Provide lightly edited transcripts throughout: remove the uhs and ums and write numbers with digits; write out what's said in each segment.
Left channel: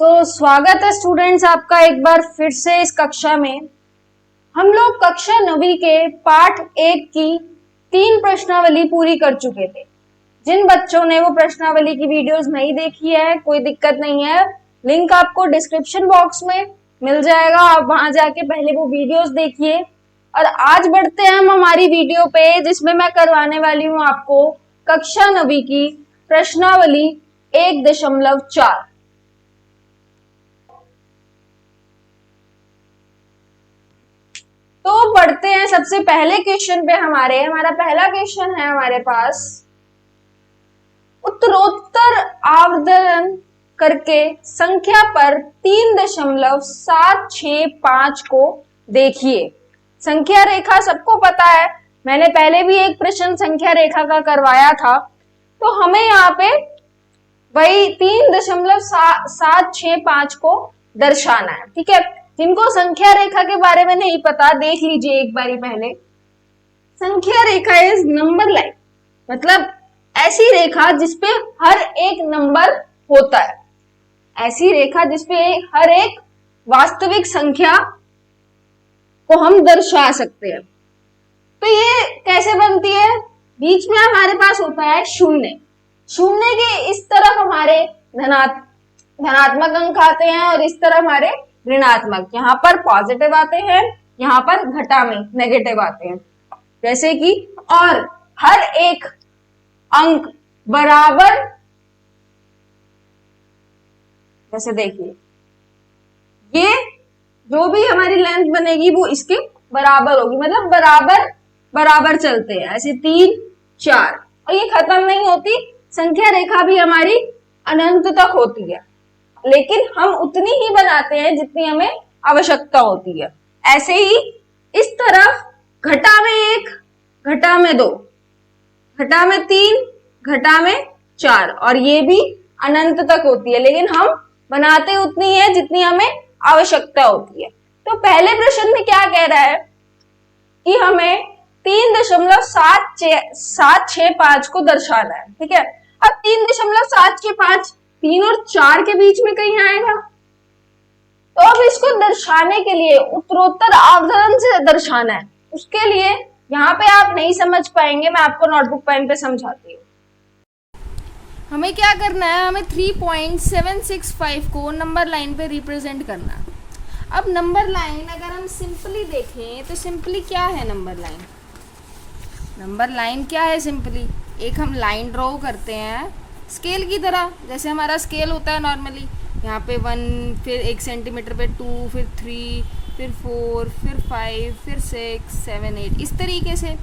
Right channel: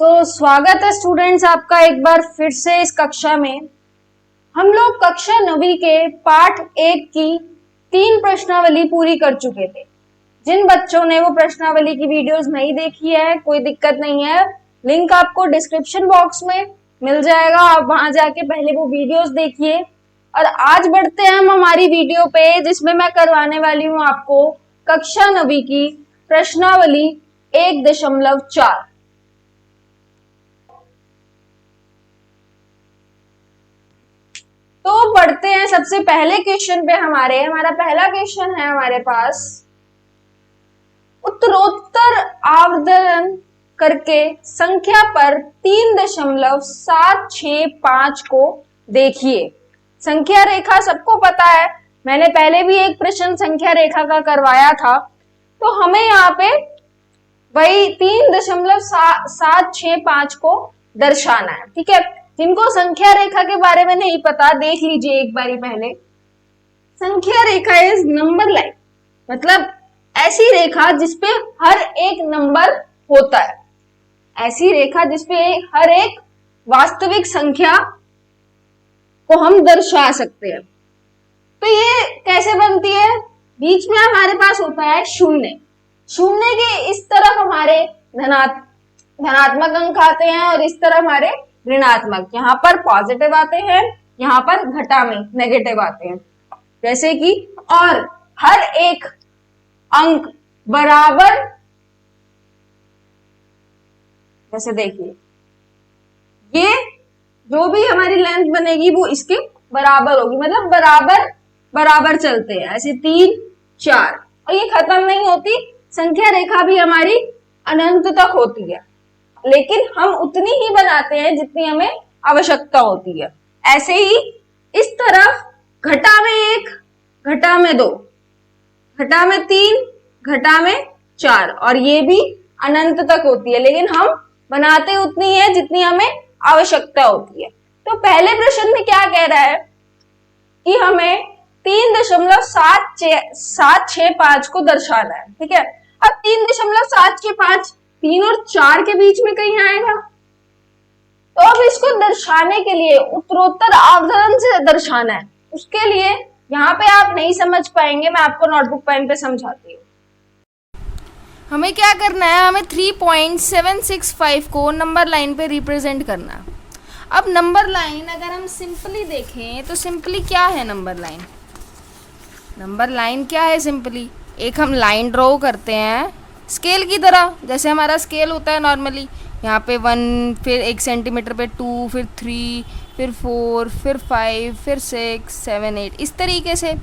स्वागत है स्टूडेंट्स आपका एक बार फिर से इस कक्षा में। हम लोग कक्षा 9वीं के पाठ 1 की 3 प्रश्नावली पूरी कर चुके थे। जिन बच्चों ने वो प्रश्नावली की वीडियोस नहीं देखी है, कोई दिक्कत नहीं है, लिंक आपको डिस्क्रिप्शन बॉक्स में मिल जाएगा, आप वहां जाके पहले वो वीडियोस देखिए। और आज बढ़ते हैं हम हमारी वीडियो पे, जिसमें मैं करवाने वाली हूँ आपको कक्षा 9वीं की प्रश्नावली 1.4। तो बढ़ते हैं सबसे पहले क्वेश्चन पे। हमारा पहला क्वेश्चन है हमारे पास, उत्तरोत्तर आवर्धन करके संख्या पर 3.765 को देखिए। संख्या रेखा सबको पता है, मैंने पहले भी एक प्रश्न संख्या रेखा का करवाया था। तो हमें यहाँ पे वही 3.765 को दर्शाना है, ठीक है। जिनको संख्या रेखा के बारे में नहीं पता, देख लीजिए एक बारी पहले। संख्या रेखा इज नंबर लाइन, मतलब ऐसी रेखा जिसपे हर एक नंबर होता है, ऐसी रेखा जिसपे हर एक वास्तविक संख्या को हम दर्शा सकते हैं। तो ये कैसे बनती है? बीच में हमारे पास होता है शून्य। शून्य के इस तरफ हमारे धनात्मक अंक आते हैं और इस तरफ हमारे ऋणात्मक। यहाँ पर पॉजिटिव आते हैं, यहाँ पर घटा में नेगेटिव आते हैं। जैसे कि और हर एक अंक बराबर, जैसे देखिए ये जो भी हमारी लेंथ बनेगी वो इसके बराबर होगी, मतलब बराबर बराबर चलते हैं ऐसे 3 4, और ये खत्म नहीं होती। संख्या रेखा भी हमारी अनंत तक होती है, लेकिन हम उतनी ही बनाते हैं जितनी हमें आवश्यकता होती है। ऐसे ही इस तरफ घटा में 1, घटा में 2, घटा में 3, घटा में 4, और ये भी अनंत तक होती है, लेकिन हम बनाते उतनी है जितनी हमें आवश्यकता होती है। तो पहले प्रश्न में क्या कह रहा है कि हमें 3.765 को दर्शाना है, ठीक है। अब 3.765 3 और 4 के बीच में कहीं आएगा, तो अब इसको दर्शाने के लिए उत्तरोत्तर आवर्धन से दर्शाना है। उसके लिए यहाँ पे आप नहीं समझ पाएंगे, मैं आपको नोटबुक पेन पे समझाती हूँ। हमें क्या करना है, हमें 3.765 को नंबर लाइन पे रिप्रेजेंट करना है। अब नंबर लाइन अगर हम सिंपली देखें तो सिंपली क्या है नंबर लाइन? नंबर लाइन क्या है? सिंपली एक हम लाइन ड्रॉ करते हैं स्केल की तरह, जैसे हमारा स्केल होता है नॉर्मली। यहाँ पे 1, फिर 1 सेंटीमीटर पे 2, फिर 3, फिर 4, फिर 5, फिर 6, 7, 8, इस तरीके से।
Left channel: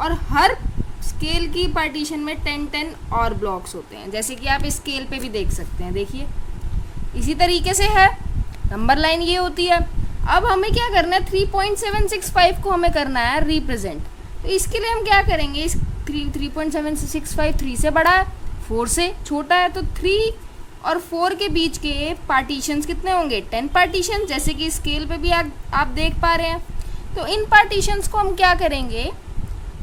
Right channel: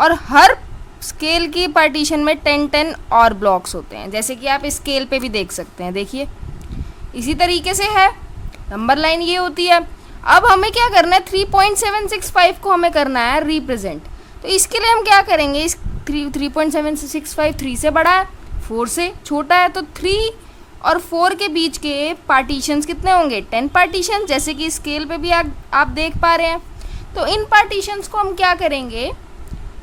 और हर स्केल की पार्टीशन में 10 और ब्लॉक्स होते हैं, जैसे कि आप स्केल पे भी देख सकते हैं। देखिए इसी तरीके से है नंबर लाइन, ये होती है। अब हमें क्या करना है, 3.765 को हमें करना है रिप्रेजेंट। तो इसके लिए हम क्या करेंगे, इस 3.765 3 से बड़ा है, 4 से छोटा है, तो 3 और 4 के बीच के पार्टीशंस कितने होंगे? 10 पार्टीशन, जैसे कि स्केल पे भी आप देख पा रहे हैं। तो इन पार्टीशंस को हम क्या करेंगे,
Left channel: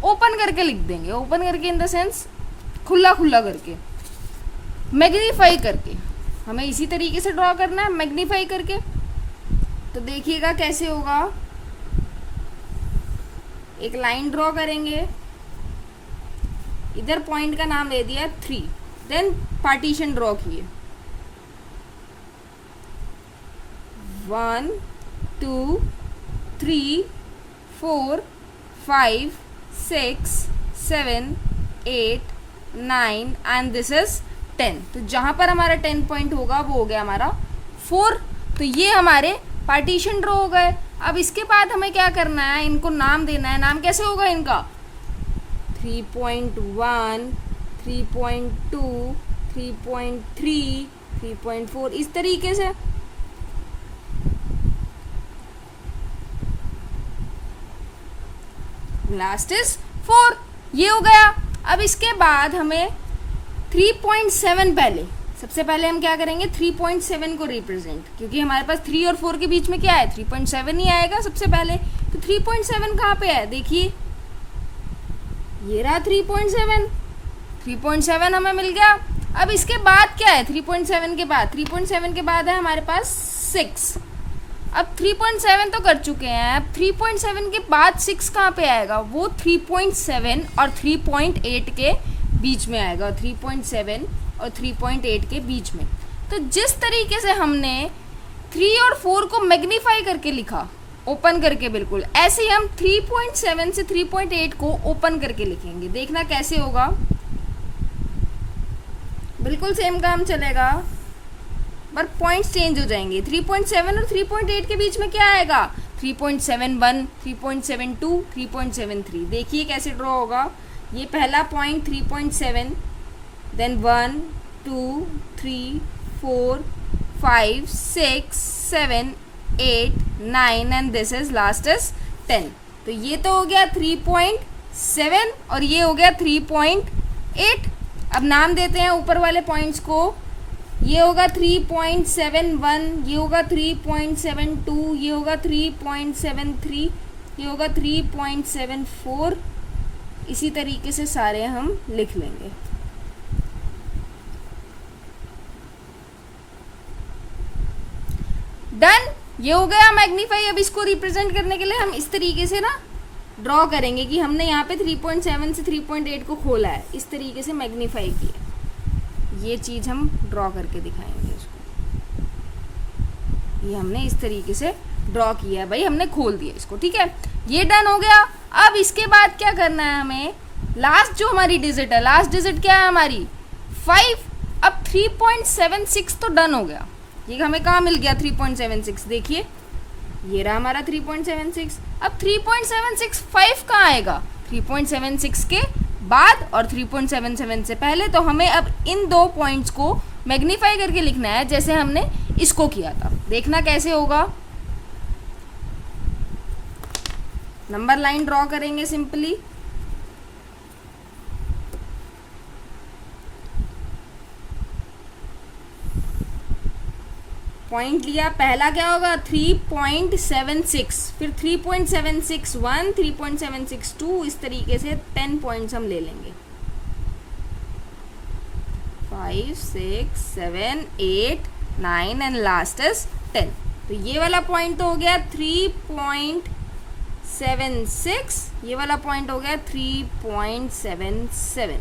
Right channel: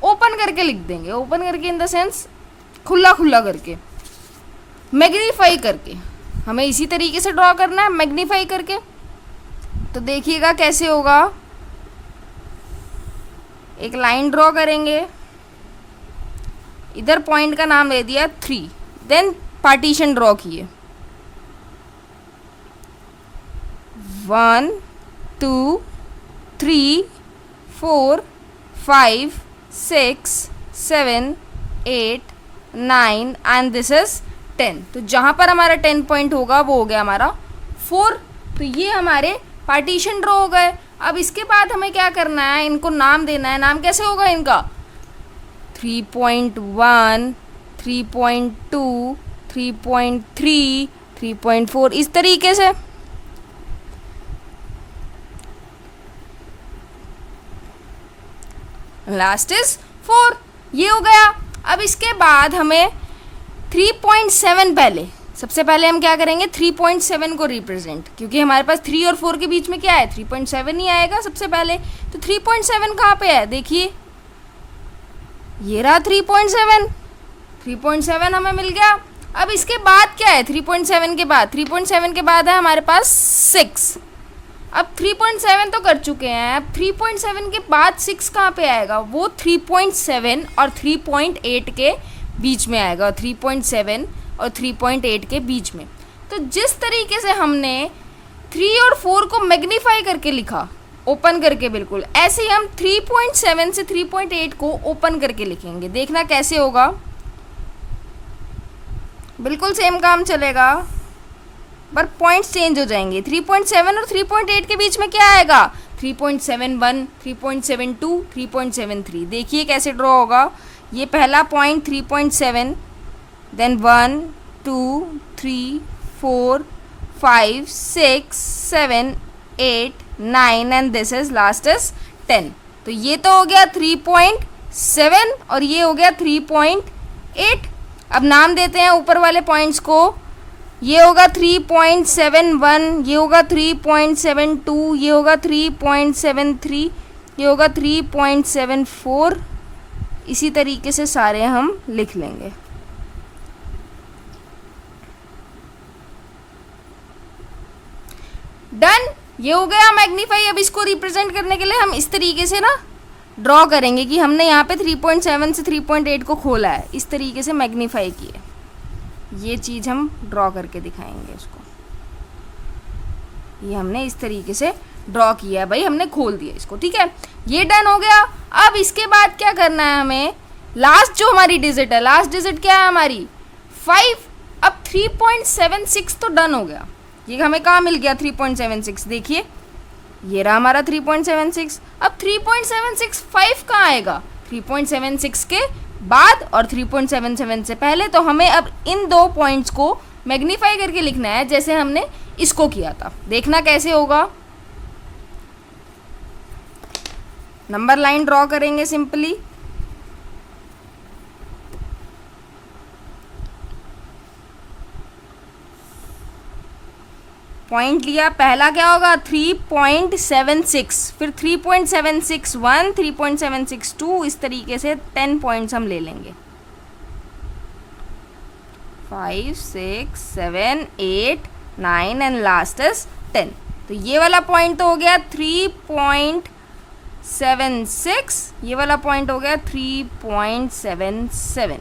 ओपन करके लिख देंगे। ओपन करके इन द सेंस खुला खुला करके, मैग्नीफाई करके। हमें इसी तरीके से ड्रॉ करना है, मैग्नीफाई करके। तो देखिएगा कैसे होगा। एक लाइन ड्रॉ करेंगे, इधर पॉइंट का नाम दे दिया 3, देन पार्टीशन ड्रॉ किए 1 2 3 4 5 6 7 8 9 एंड दिस इज 10। तो जहां पर हमारा 10 पॉइंट होगा वो हो गया हमारा 4। तो ये हमारे पार्टीशन ड्रॉ हो गए। अब इसके बाद हमें क्या करना है, इनको नाम देना है। नाम कैसे होगा इनका? 3.1 3.2 3.3 3.4, इस तरीके से। लास्ट इज 4, ये हो गया। अब इसके बाद हमें 3.7 सबसे पहले हम क्या करेंगे, 3.7 को रिप्रेजेंट, क्योंकि हमारे पास 3 और 4 के बीच में क्या है, 3.7 ही आएगा सबसे पहले। तो 3.7 कहाँ पे है, देखिए ये रहा 3.7 हमें मिल गया। अब इसके बाद क्या है 3.7 के बाद? 3.7 के बाद है हमारे पास 6। अब 3.7 तो कर चुके हैं, अब 3.7 के बाद 6 कहाँ पे आएगा? वो 3.7 और 3.8 के बीच में आएगा, 3.7 और 3.8 के बीच में। तो जिस तरीके से हमने 3 और 4 को मैग्नीफाई करके लिखा, ओपन करके बिल्कुल, ऐसे ही हम 3.7 से 3.8 को ओपन करके लिखेंगे। देखना कैसे होगा, बिल्कुल सेम काम चलेगा, पर पॉइंट्स चेंज हो जाएंगे। 3.7 और 3.8 के बीच में क्या आएगा? 3.71, 3.72, 3.73। देखिए कैसे ड्रॉ होगा। ये पहला point 3.7, then 1 2 3 4 5 6 7 8 9 and this is last is 10। तो ये तो हो गया 3.7 और ये हो गया 3.8। अब नाम देते हैं ऊपर वाले पॉइंट्स को। ये होगा 3.71, ये होगा 3.72, ये होगा 3.73, ये होगा 3.74। इसी तरीके से सारे हम लिख लेंगे। डन, ये हो गया मैग्नीफाई। अब इसको रिप्रेजेंट करने के लिए हम इस तरीके से ना ड्रॉ करेंगे कि हमने यहाँ पे 3.7 से 3.8 को खोला है, इस तरीके से मैग्नीफाई किया। ये चीज़ हम ड्रॉ करके दिखाएंगे इसको। ये हमने इस तरीके से ड्रॉ किया है भाई, हमने खोल दिया इसको, ठीक है। ये डन हो गया। अब इसके बाद क्या करना है हमें? लास्ट जो हमारी डिजिट है, लास्ट डिजिट क्या है हमारी? 5। अब 3.76 तो डन हो गया। ये हमें कहाँ मिल गया? 3.76। देखिए ये रहा हमारा 3.76। अब 3.76 5 कहाँ आएगा? 3.76 के बाद और 3.77 से पहले। तो हमें अब इन दो पॉइंट्स को मैग्नीफाई करके लिखना है, जैसे हमने इसको किया था। देखना कैसे होगा। नंबर लाइन ड्रॉ करेंगे सिंपली। पॉइंट लिया, पहला क्या होगा? 3.76, फिर 3.761, 3.762, इस तरीके से 10 पॉइंट्स हम ले लेंगे। 5 6 7 8 9 एंड लास्ट इज 10। तो ये वाला पॉइंट तो हो गया 3.76, ये वाला पॉइंट हो गया 3.77।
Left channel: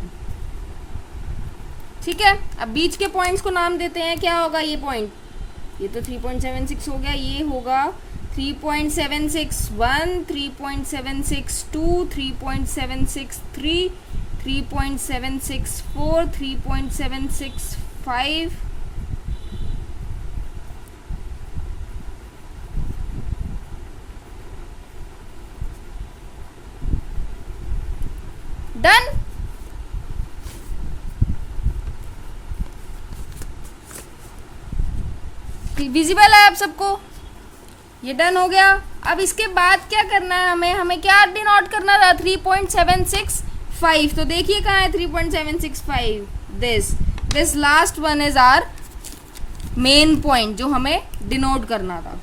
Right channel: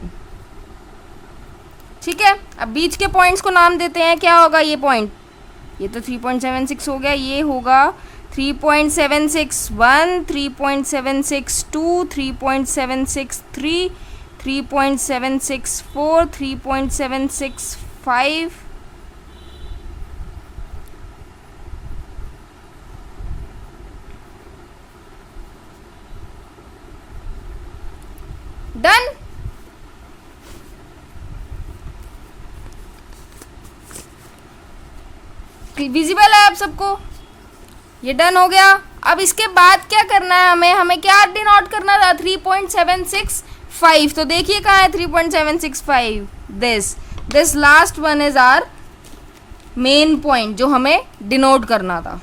ठीक है। अब बीच के पॉइंट्स को नाम देते हैं। क्या होगा ये पॉइंट? ये तो 3.76 हो गया, ये होगा 3.761, 3.762, 3.763, 3.764, 3.765, डन। विजिबल है आप सबको? ये डन हो गया। अब इसके बाद क्या करना है हमें क्या डिनोट करना था? 3.765। तो देखिए कहाँ है 3.765? This last one is our main point जो हमें डिनोट करना था।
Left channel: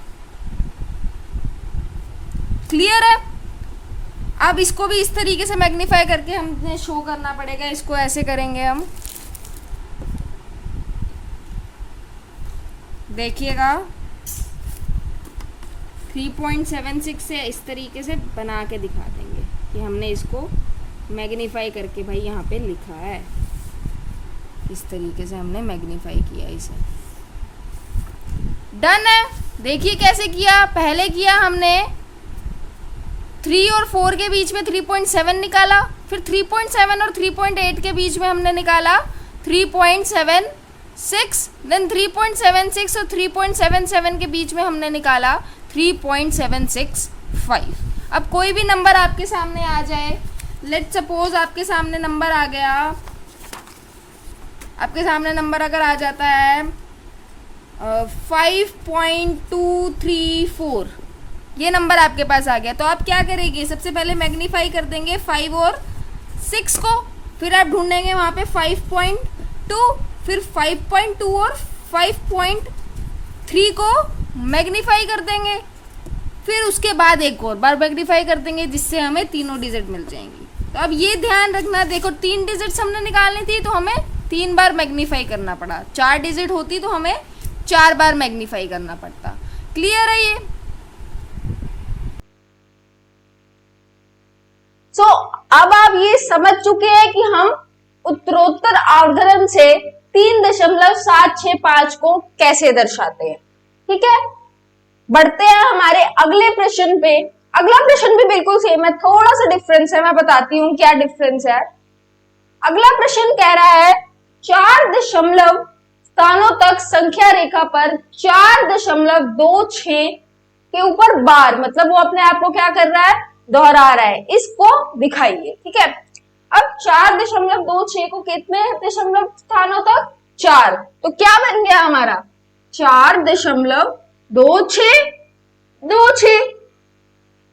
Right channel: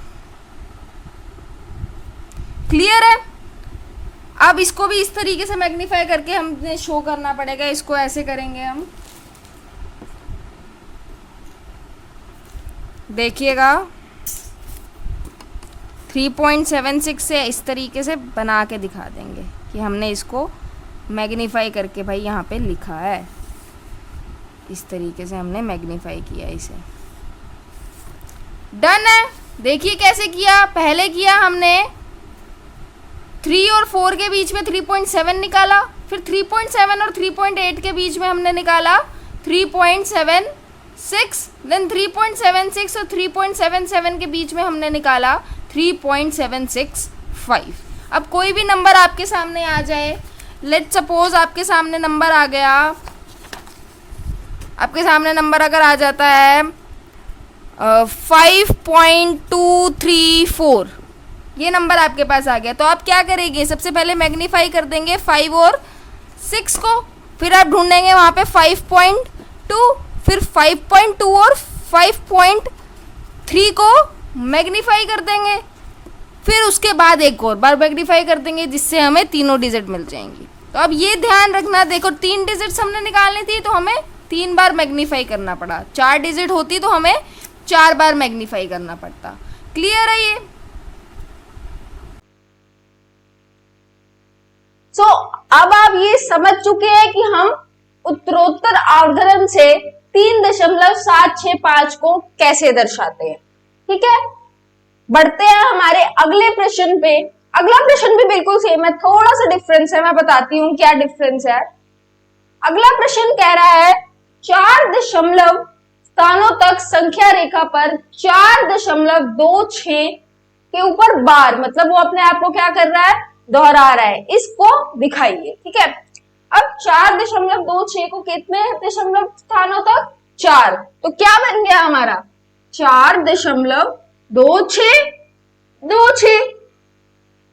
क्लियर है? अब इसको भी इस तरीके से मैग्नीफाई करके हमें शो करना पड़ेगा। इसको ऐसे करेंगे हम, देखिएगा 3.76 से इस तरीके से बना के दिखा देंगे कि हमने इसको मैग्नीफाई करके भाई यहाँ पे लिखा है। इस तरीके से हमने मैग्नीफाई किया इसे। डन है। देखिए कैसे किया। पहले किया हमने 3 और 4 के बीच में 3.7 निकाला, फिर 3.7 और 3.8 के बीच में हमने निकाला 3.76, देन 3.76 और 3.77 के बीच में हमने निकाला 3.765। अब कोई भी नंबर आपके सामने आ जाए, लेट सपोज आपके सामने नंबर आ गया, आपके सामने नंबर अगर आ जाता है 5.234, ये नंबर आपके पास आ गया, तो आप क्या करेंगे? सबसे पहले मैग्नीफाई कर देंगे 5 और 6 को, फिर आप ढूंढेंगे वहाँ पे 5.2, फिर 5.2 और 5.3 को मैग्नीफाई कर देंगे, फिर उसके बाद एक और बार मैग्नीफाई कर देंगे, जिससे हमें तीनों डिजिट मिल जाएंगी। तो अब ये ध्यान रखना, देखो 3 डिजिट्स हमने निकालनी थी तो हमें 3 बार मैग्नीफाई करना पड़ा। 4 डिजिट होती तो हमें 4 बार मैग्नीफाई करना पड़ता। क्लियर है ये? सो अब आप ये समझ चुके हैं कि हम उत्तरोत्तर आवर्धन से 3.765 को कैसे दर्शाते हैं। ठीक है, बढ़ते हैं हमारे अगले प्रश्न पे। अगला प्रश्न भी बिल्कुल सेम है, थोड़ा सा डिफरेंस है, मैं बताती हूँ क्या डिफरेंस है। अगला प्रश्न कह रहा है 4 स्थानों तक संख्या रेखा पर 4.26 के ऊपर बार, मतलब वो अपने आप को क्या कर रहा है, दोहरा रहा है, इसको दिखाइए। ठीक है, अब 4.26 को कितने दशमलव स्थानों तक, 4, तो क्या बन गया हमारा 4.2626।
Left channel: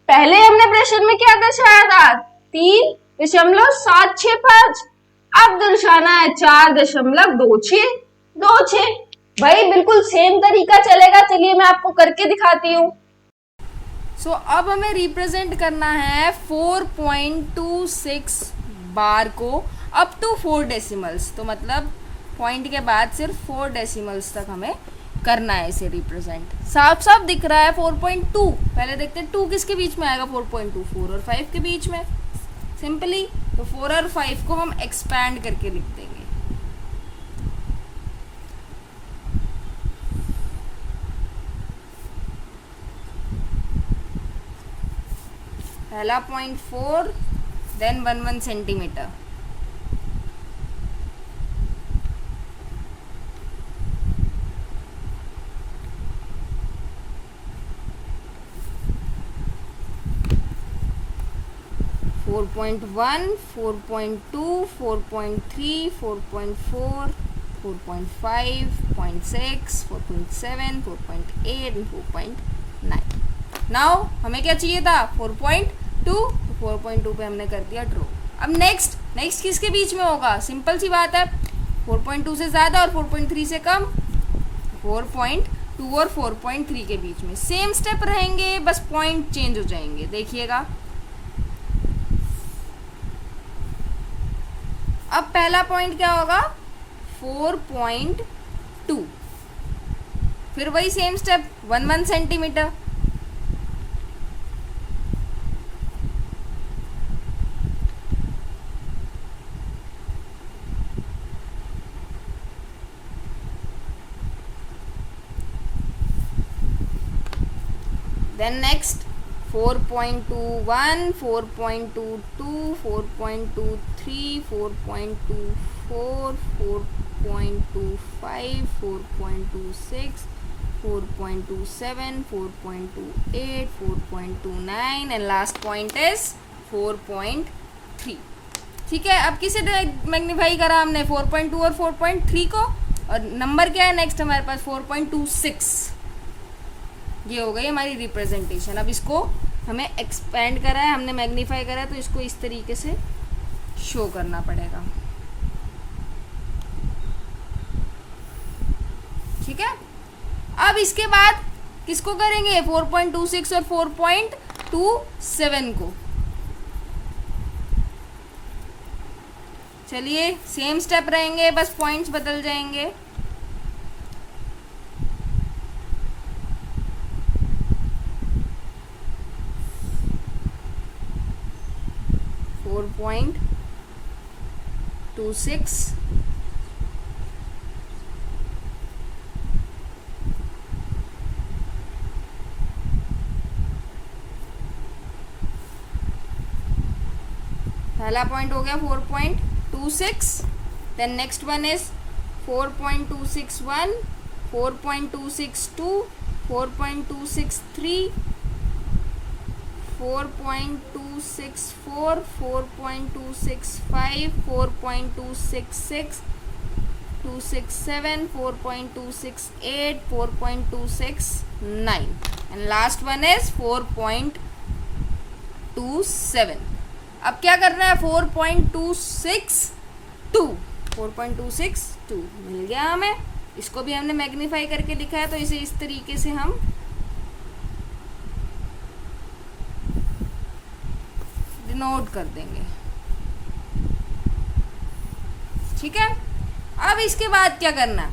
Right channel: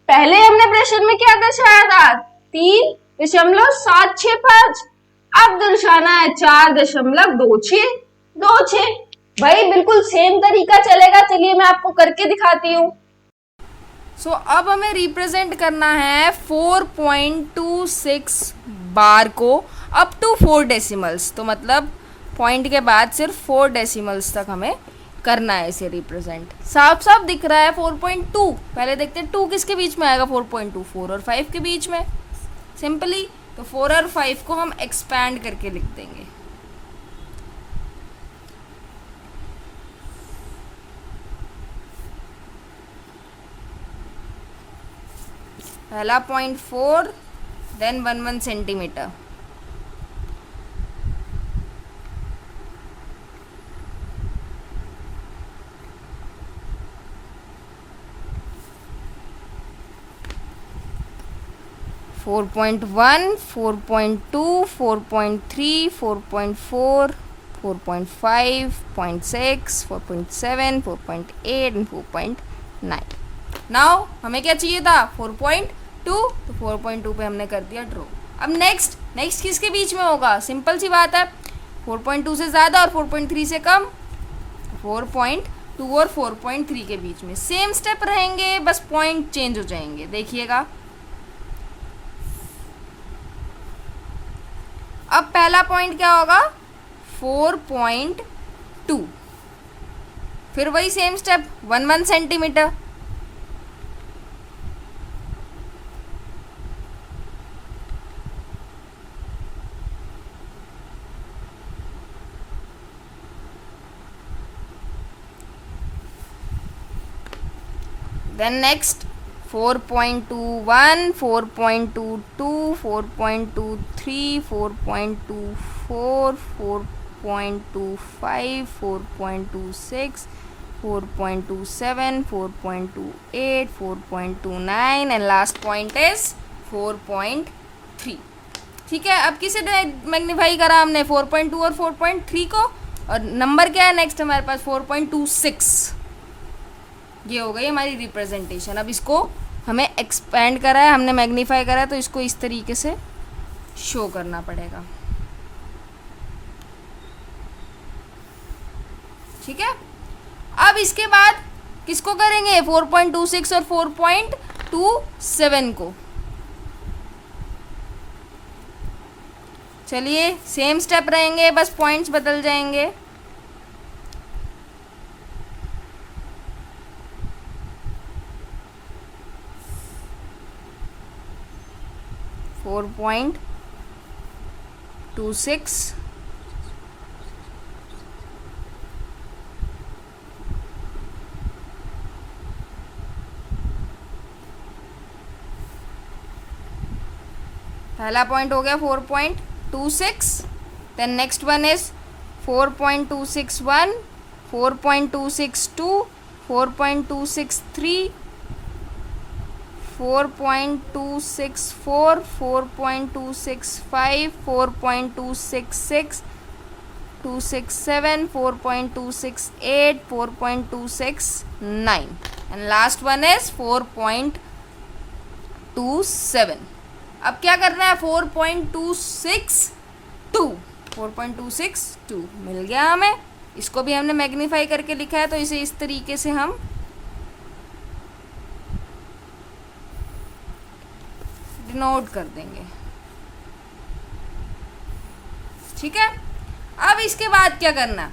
पहले हमने प्रश्न में क्या दर्शाया था, 3.765, अब दर्शाना है 4.2626। भाई बिल्कुल सेम तरीका चलेगा, चलिए मैं आपको करके दिखाती हूँ। सो अब हमें रिप्रेजेंट करना है 4.26 बार को अप टू 4 डेसिमल्स, तो मतलब पॉइंट के बाद सिर्फ 4 डेसिमल्स तक हमें करना है इसे रिप्रेजेंट। साफ साफ दिख रहा है 4.2। पहले देखते हैं 2 किसके बीच में आएगा, 4.2 4 और 5 के बीच में, सिंपली। तो 4 और 5 को हम एक्सपैंड करके लिख देंगे। पहला 0.4, then 1 centimetre. Four 4.1, 4.2, 4.3, 4.4, 4.5, 0.6, 4.7, 4.8 and 4.9। Now हमें क्या चाहिए था, 4.2, तो 4.2 पे हमने कर दिया ड्रॉ। अब नेक्स्ट किसके बीच में होगा, सिंपल सी बात है, 4.2 से ज़्यादा और 4.3 से कम, 4.2 और 4.3 के बीच में सेम स्टेप रहेंगे, बस पॉइंट चेंज हो जाएंगे। देखिएगा, अब पहला पॉइंट क्या होगा, 4.2, फिर वही same step 1 centimetre, then next 4.21, 4.22, 4.23, 4.24, 4.25, 4.26, 4.27, 4.28, 4.29 and last point is 4.3। ठीक है, अब किसे मैग्नीफाई करा हमने, 4.2 और 4.3 को, और नंबर क्या है नेक्स्ट हमारे पास, 4.26। ये हो गई हमारी रिप्रेजेंटेशन। अब इसको हमें एक्सपेंड करा है, हमने मैग्नीफाई करा है, तो इसको इस तरीके से शो करना पड़ेगा। ठीक है, अब इसके बाद किसको करेंगे, 4.26 और 4.27 को। चलिए सेम स्टेप रहेंगे, बस पॉइंट्स बदल जाएंगे। 4.26, पहला पॉइंट हो गया 4.26, then next one is 4.261, 4.262, 4.263, 4.264, 4.265, 4.266, 267, 4.268, 4.269 and last one is 4.27। अब क्या करना है, 4.262 मिल गया हमें। इसको भी हमने मैग्नीफाई करके लिखा है, तो इसे इस तरीके से हम डिनोट कर देंगे। ठीक है, अब इसके बाद क्या करना,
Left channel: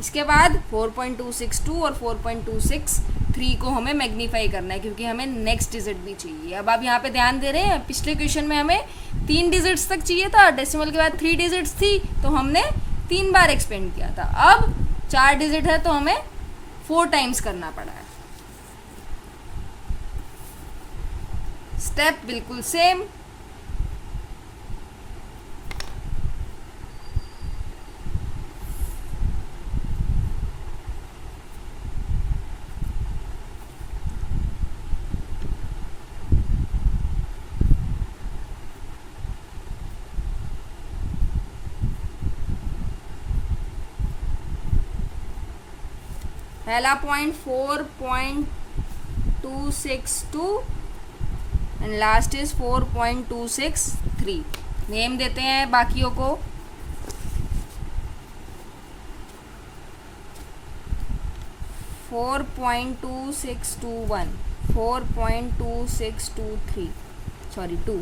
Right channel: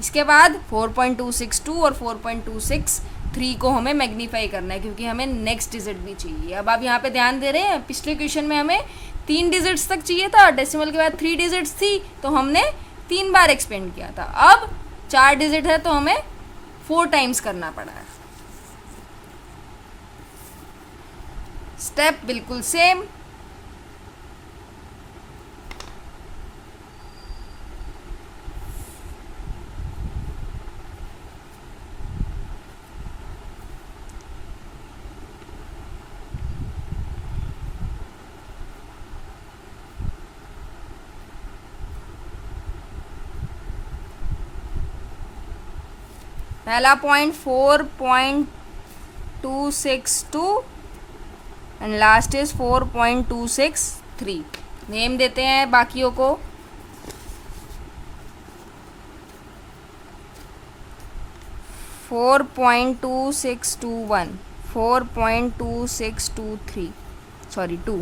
इसके बाद 4.262 और 4.263 को हमें मैग्नीफाई करना है, क्योंकि हमें नेक्स्ट डिजिट भी चाहिए। अब आप यहाँ पे ध्यान दे रहे हैं, पिछले क्वेश्चन में हमें 3 डिजिट्स तक चाहिए था, डेसिमल के बाद 3 डिजिट्स थी, तो हमने 3 बार एक्सपेंड किया था। अब 4 डिजिट है तो हमें 4 टाइम्स करना पड़ा है। स्टेप बिल्कुल सेम। पहला point 4.262 and last is 4.263। Name देते हैं बाकियों को। Four 4.2621, 4.2623, sorry 2,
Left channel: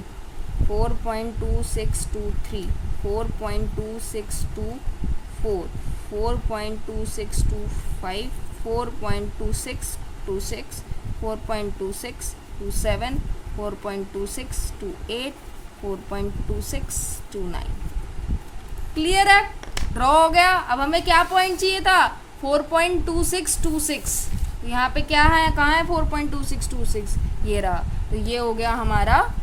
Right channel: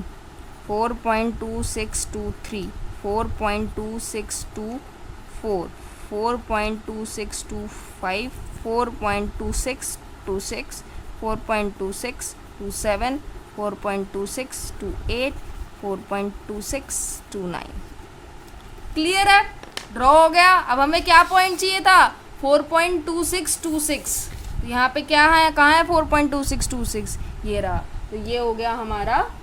4.2623, 4.2624, 4.2625, 4.2626, 4.2627, 4.2628, 4.2629। क्लियर है, ड्रॉ हो गया। अब हमें क्या पॉइंट चाहिए था, 4.2626। यहाँ पे क्या है, कहाँ है 4.2626, ये रहा। तो ये हो गया हमारा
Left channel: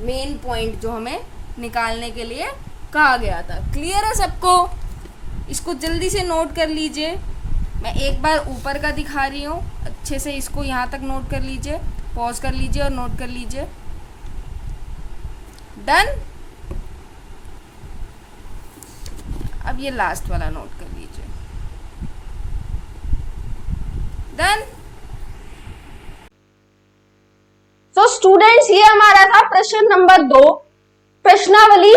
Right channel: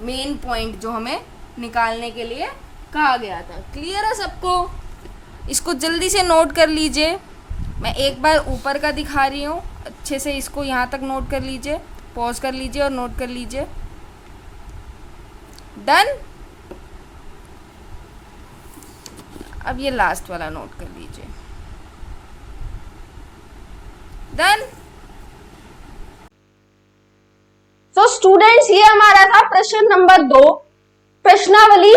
मेन पॉइंट जो हमें निकालने के लिए कहा गया था। क्लियर है सबको? इसको जल्दी से नोट कर लीजिए। मैं एक बार ऊपर का दिखा रही हूँ, अच्छे से इसको यहाँ तक नोट कर लीजिए, पॉज कर लीजिए और नोट कर लीजिए। डन। अब ये लास्ट वाला नोट कर लीजिए। डन। तो स्टूडेंट्स, ये हमारा था प्रश्न नंबर 2, प्रश्नावली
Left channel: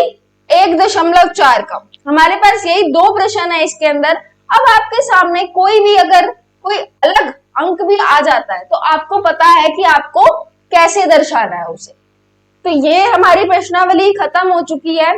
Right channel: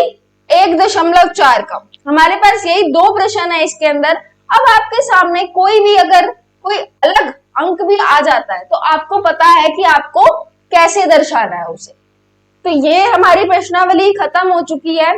1.4 का। हमारे पास यही 2 प्रश्न है इसके अंदर। अब आपके सामने कोई भी अगर कोई अलग अंक भी आ जाता है तो आपको पता है कि आपको कैसे दर्शाना है उसे। तो ये हमारी प्रश्नावली खत्म हो चुकी है।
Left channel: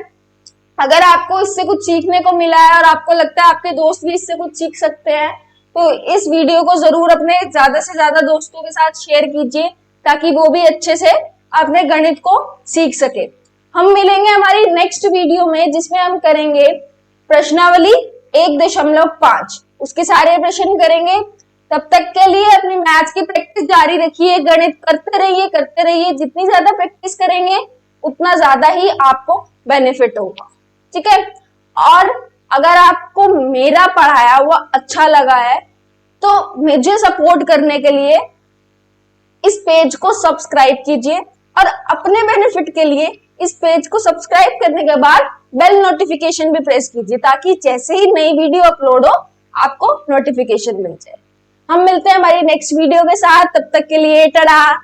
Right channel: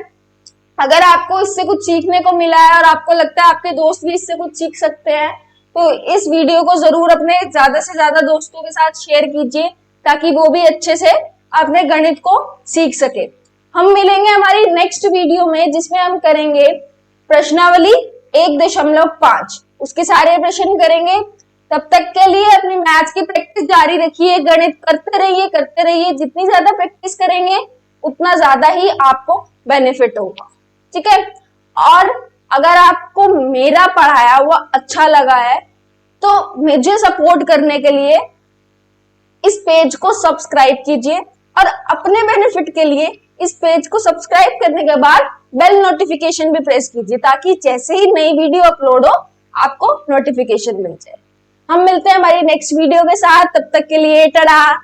अगर आपको इससे कुछ सीखने को मिला है और आपको लगता है आपके दोस्त भी इससे कुछ सीख सकते हैं, तो इस वीडियो को जरूर अपने ज्यादा से ज्यादा दोस्तों के साथ शेयर कीजिए, ताकि वो भी अच्छे से अपने गणित को सीख सके। हम मिलेंगे हमारी नेक्स्ट वीडियो में, जिसमें हम करेंगे प्रश्नावली 1.5, उसके सारे प्रश्न करेंगे। तब तक के लिए अपनी मैथ्स की प्रैक्टिस जारी रखिए, गणित करते रहिए। जितनी ज्यादा प्रैक्टिस करेंगे उतना ज्यादा ही आपको बेनिफिट होगा, ठीक है। और अगर आपको मेरा पढ़ाया हुआ अच्छा लगा है तो मुझे सपोर्ट करने के लिए इस पेज को सब्सक्राइब कीजिए, और अपने बेनिफिट के लिए इस पेज को सब्सक्राइब करने के बाद बेल नोटिफिकेशन भी प्रेस कीजिए, ताकि जैसे ही नई वीडियो अपलोड हो आपको नोटिफिकेशन मिल जाए। हम मिलते हैं हमारी नेक्स्ट वीडियो के साथ, तब तक के लिए टाटा।